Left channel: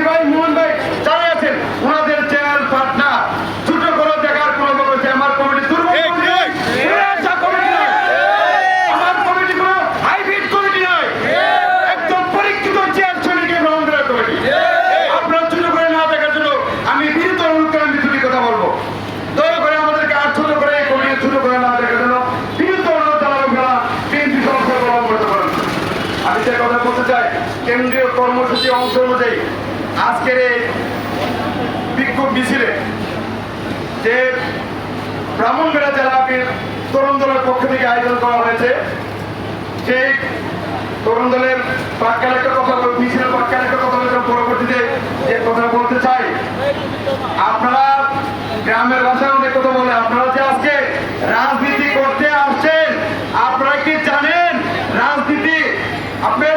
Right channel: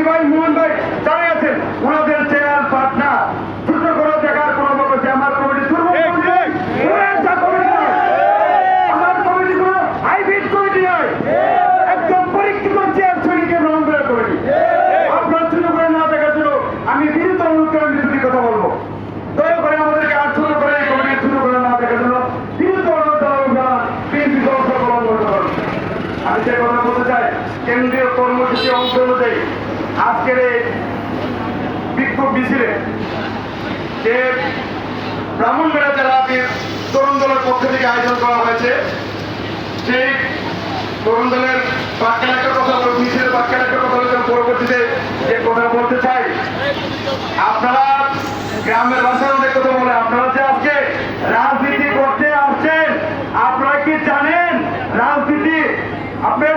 মুন্সি ভাই মোহন ভাই যারা ওনাদের চ্যানেল পাটনা। ছোট কোনো জায়গার কোনো বলছে আমার কমিটি আমি বিরুদ্ধ কথা বলতে চাই কেন্দ্রীয় কর্মসূচি অংশ অনুযায়ী আজকের এই বিক্ষোভ মিছিলে যে ব্রাহ্মণবাড়িয়া জেলা তরুণ দলের পক্ষ থেকে আয়োজন করা হয়েছে, সেই তরুণ দলের বাক্যাল একটা কথা মিছিলের বাক্যাল একটা কথা বলতে পরবর্তীতে যে কথা বলতে চাই, আপনারা গ্রামের ভাষায় অনেক কথা বলে, আপনারা যে আজকে রাজনীতি করতে আসছেন আপনারা কি জানেন রাজনীতি আপনার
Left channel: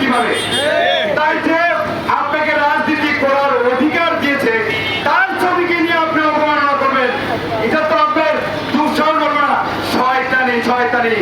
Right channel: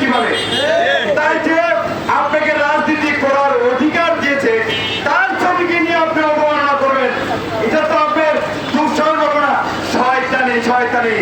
কীভাবে? তাই যে আপনাকে রাজনীতি করার অধিকার দিয়েছে, তার ছবিকে নিয়ে আপনি অবমাননা করবেন। এটা তো আপনার ঘটনা শয়তানি শয়তানি।